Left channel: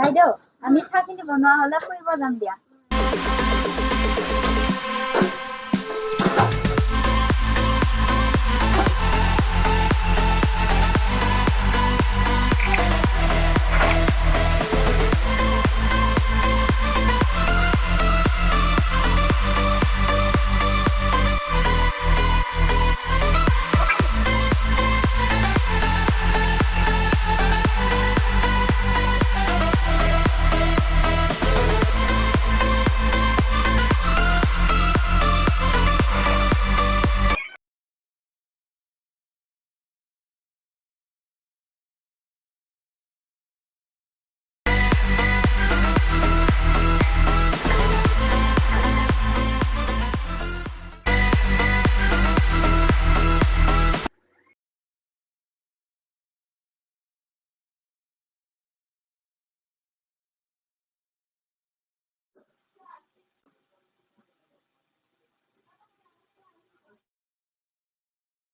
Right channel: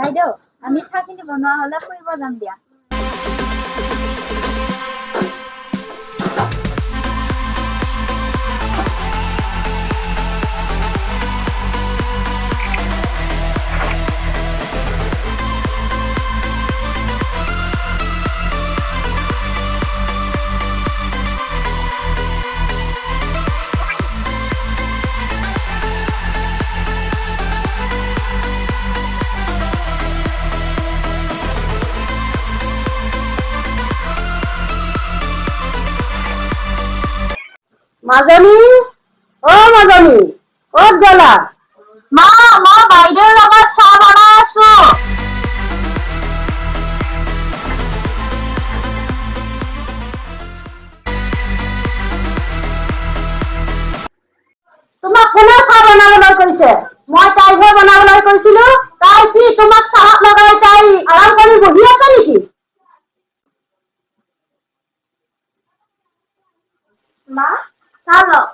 বাইদেউ আমি চাহখিনি বনোৱা হ'লে ফুৰিব যাম দিয়া। মাজনী মাজনী ক'ত গলা? মা মই বাইদেউৰ লগত চাহ বনাই আছো। তোমাক কোনে চাহ বনাবলৈ কৈছে? মই তাইহে বনাবলৈ কৈছিলো। তাই কি তোমাক চাহত লগাই তাই আৰাম কৰি বহি আছে নেকি? মা চাহ লওক।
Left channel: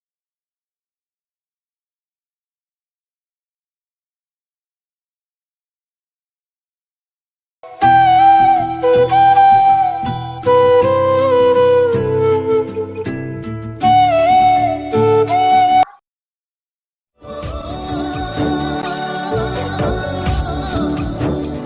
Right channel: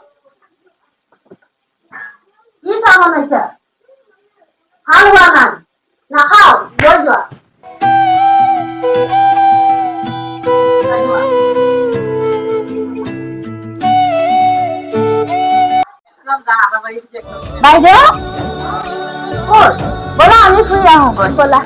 কি চাহ বনাইছা? ভাল হোৱা নাই, নাখাও, লৈ যোৱা। বাইদেউ বলা আমি ফুৰি আহো বলা।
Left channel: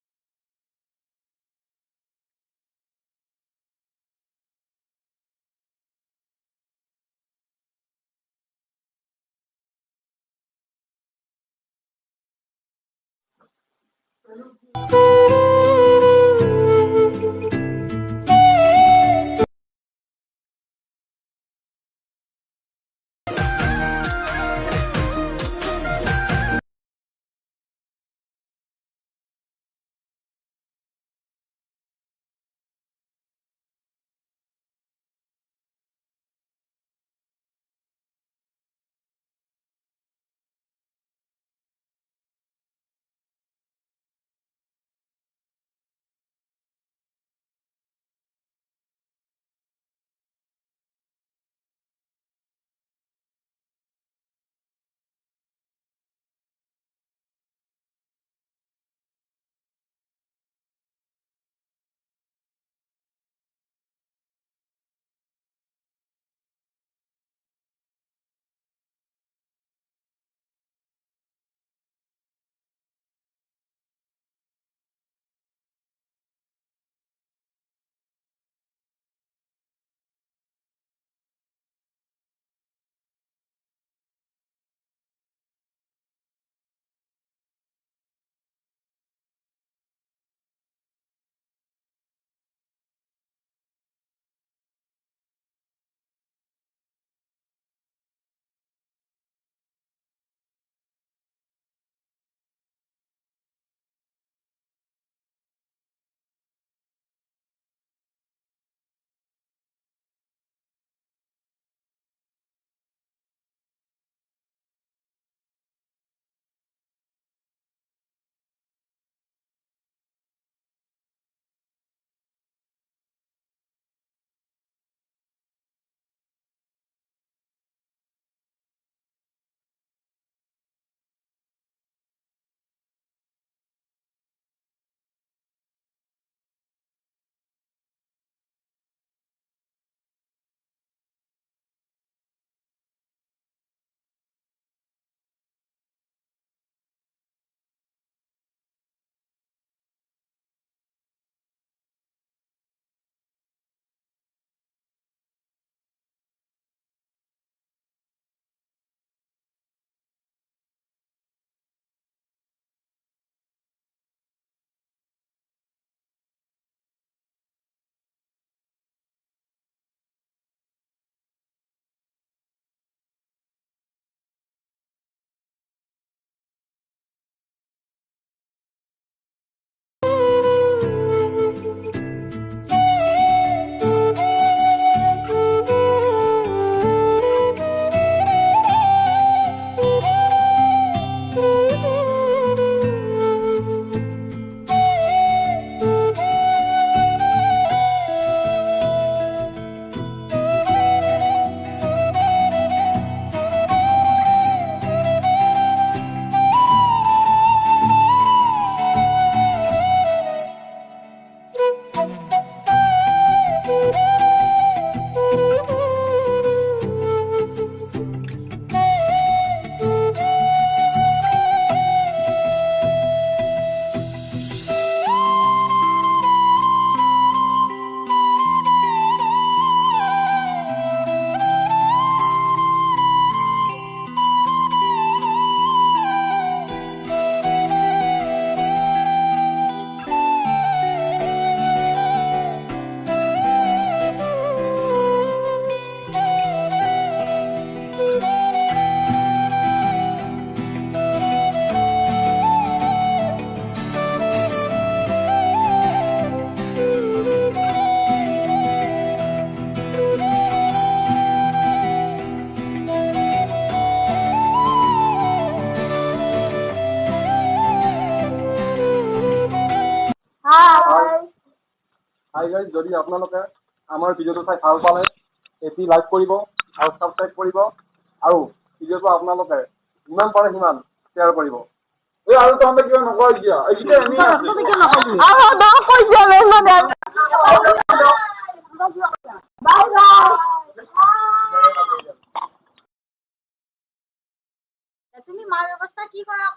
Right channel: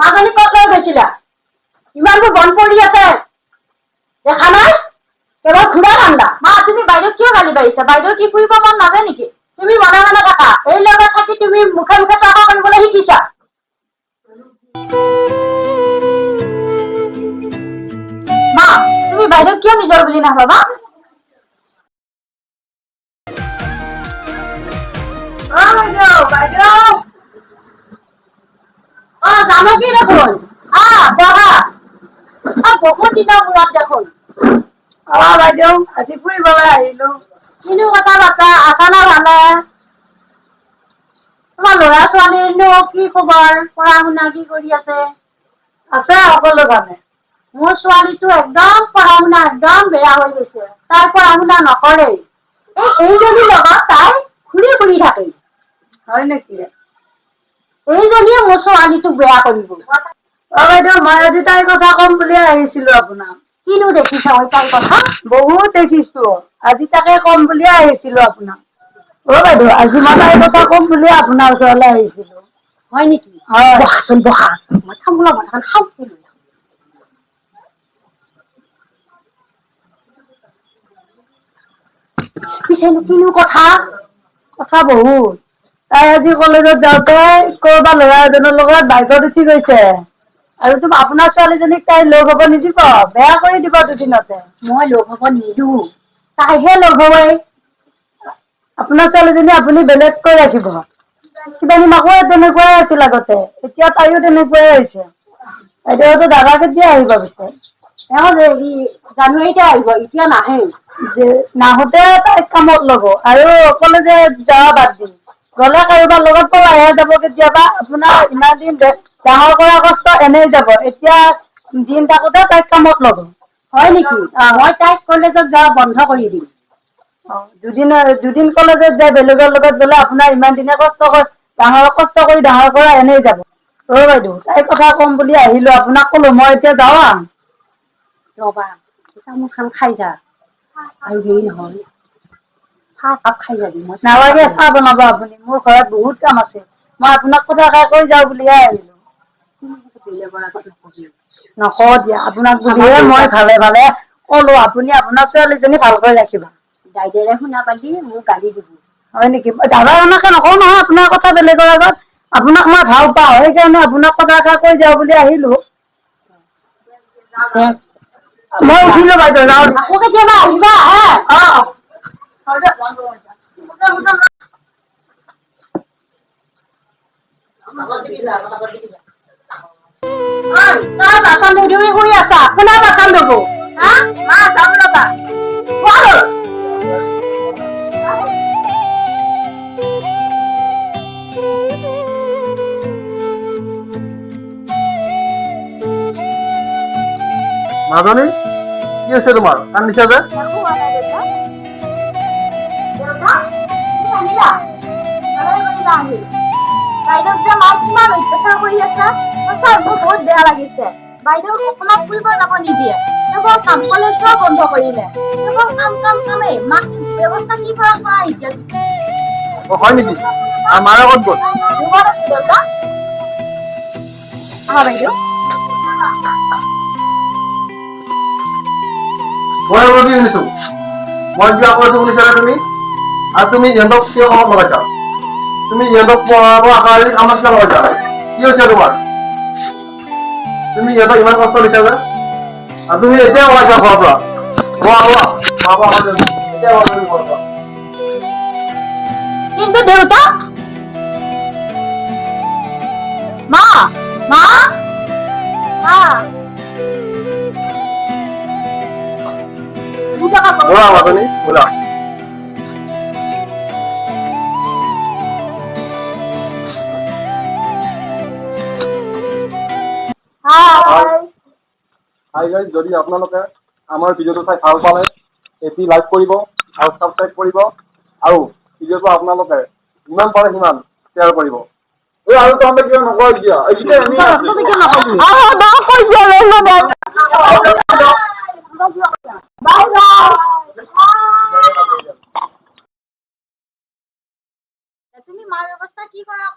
মাজনী ক'ত লৈ গৈছিলা? ইমানবোৰ বন পৰি আছে, দেখা নাই? কেৱল ঘূৰা ঠাণ্ডা। মা তুমি বাইদেউ কিয় গালি পাৰিছা? বাইদেউ কি ফুৰিব মন নাযায় নেকি? তুমি মনে মনে থাকা। এই লগত থাকি তুমি মুখে মুখে তৰ্ক কৰিবলৈ শিকিছা। মা তুমি বাইদেউ কিয় নিজৰ বুলি নাভাবা? বাইদেউ জানকী দেখোন, বহা। বহুত দিনৰ মূৰত দেখোন। বাইদেউ আজি ফুৰিবলৈ আহিলো। কিনো কথা বাৰ্তা আছা না ভালে? তোমাৰ ল'ৰা ছোৱালীৰনো কি খবৰ? পঢ়া শুনা কি কৰি আছে? আছে সকলো ভালে। মোৰ ছোৱালীটো একদম পঢ়া শুনা একদম বেয়া হৈ গৈছে। তাই পঢ়া শুনা নকৰেই। এইজনীৰ লগত তাই ঘূৰি ফুৰি থাকে। হয় নেকি? এইজনীয়ে মোৰ ছোৱালীটোক বেয়া কৰিব। বাইদেউ মই আজি তাইৰ কথা কম বুলিয়ে আহিছিলো আপোনাক। কিনো দেখিছা তাইৰ কথা? বহুত দেখিছো। আজি তাকে কম বুলিয়ে আহিছিলো আপোনাক। বাইদেউ আজি মই তাইৰ কথা কম বুলিয়ে আপোনাৰ ওচৰলৈ আহিছিলো। হয় নেকি? হয়। বহাচোন বহা। মই তামোলৰ বটাখন খাওঁ। পিছেনো কিনো কথা? কথা বহুত। তাই আজি কলেজত যাওঁতে কৰবা ল'ৰা এজনৰ লগত বাইকত উঠি গৈছে। আৰু আপোনাৰ ছোৱালীজনীক তাই লগ হব নিদিব, বেয়া কৰি দিব দুদিনতে। মই লগ হব নিদো, তাইহে লগ হবই। আপোনাৰ ছোৱালীজনী আপুনি বেলেগকৈ ৰাখিব। কিজানি মাকো তেনেকুৱাই আছিল আগতে, এতিয়া তাইও তেনেকুৱাই হৈছে। এতিয়াতো দাদা কেতিয়া আহিব পিছে? জানুৱাৰীতে আহিব, এতিয়া নাহে। নাহোতে তাইক কামত ল'ব আৰু কলেজে যোৱা বাদ দিম। গ'লে কাৰোবাৰ লগত পলাইহে যাব কেতিয়াবা। আপোনাৰ ইমান দিন ডাঙৰ কৰা কষ্ট এনেই যাব। এতিয়া দিন থাকোতে তাইক কামত ল'ব। হয় নেকি? মই তাইক কলেজত যোৱা বন্ধ কৰি দিম। দুদিন কলেজত যায় বেলেগৰ লগত গ'লে আপোনাৰ ইমান দিনে কষ্ট কৰি ডাঙৰ কৰা এনেই যাব। বাইদেউ তাইৰ কথা ক'ম বুলি আহিলো, আপোনাক ক'লো মই এতিয়া যাওঁ। ৰ'বা, তামোল খান খাই যা। আৰু হেৰি নহয়, চাহ কাপ খাই যাবি। মই নালাগে চাহ বনাব আপুনি, মোৰ ঘৰত বহুত কাম আছে। মই আপোনাক কথাষাৰ কৈ যাওঁ বুলিহে আহিলো। বেলেগৰ আগত নকবি। নকওঁ দিয়া, আপোনাক বুলিহে মই ভালে ভালে ক'লো। আপুনি আপোনাৰ ছোৱালীজনী ভালকৈ ৰাখিব। দাইদেৰে শুনা পালি মোক গালি দিব। হয় নেকি? দাদা এনেকে নকওঁ নহয় আপোনাৰ কথা বেলেগৰ আগত। আপোনাক মই ভাল পাওঁ, সেইকাৰণে আপোনাক কথাষাৰ কৈ যাওঁ বুলি আহিলো। মই উঠিলো বাইদেউ, যাওঁ। আকৌ কেতিয়াবা আহিবা হে? তই বাচন ধুই শুই আছা, কোনে বাচন ধুব? যাম ৰ'বা। মাজনী কি হৈছে তোমাৰ? কান্দিছা যে? বহুত বেয়া লাগিছে। বাইদেউ অকণমান ফুৰিব যাব নিদিয়ে। কেৱল কাম কলেজ যোৱা বন্ধ কৰিলে। কেৱল কামেই। মাক ব্যৱস্থা কি কৰা এতিয়া? হয় নেকি? আৰু মাৰ আগত গ'ল? বাইদেউ মই কি শুনিছো? মই কিয় কৈছো শুনিছানে তুমি? আৰু তুমি ইহঁতক কিয় কামত লগাইছা? তুমি ইহঁতক পঢ়াব আশা কামত কিয় লগাইছা? কি হৈছে তোমাৰ? তুমি ইহঁতক ইমান কষ্ট দিছা যে? আৰু তুমি এতিয়া ওলাইছা ঘৰৰ পৰা। কিন্তু দেউতা মা মা ব'লা মাজনী, ব'লা। যদি আপোনালোকে আমাৰ ভিডিঅ'টো চাই ভাল পালে এটি লাইক কৰিব আৰু ছাবস্ক্ৰাইব কৰিব আৰু ভিডিঅ'টো আপোনালোকে যিমান পাৰে সিমান শ্বেয়াৰ কৰিব। আৰু তহঁতে কিয় নকয় এতিয়া? তুমি মাৰ ব্যৱস্থা কি কৰা?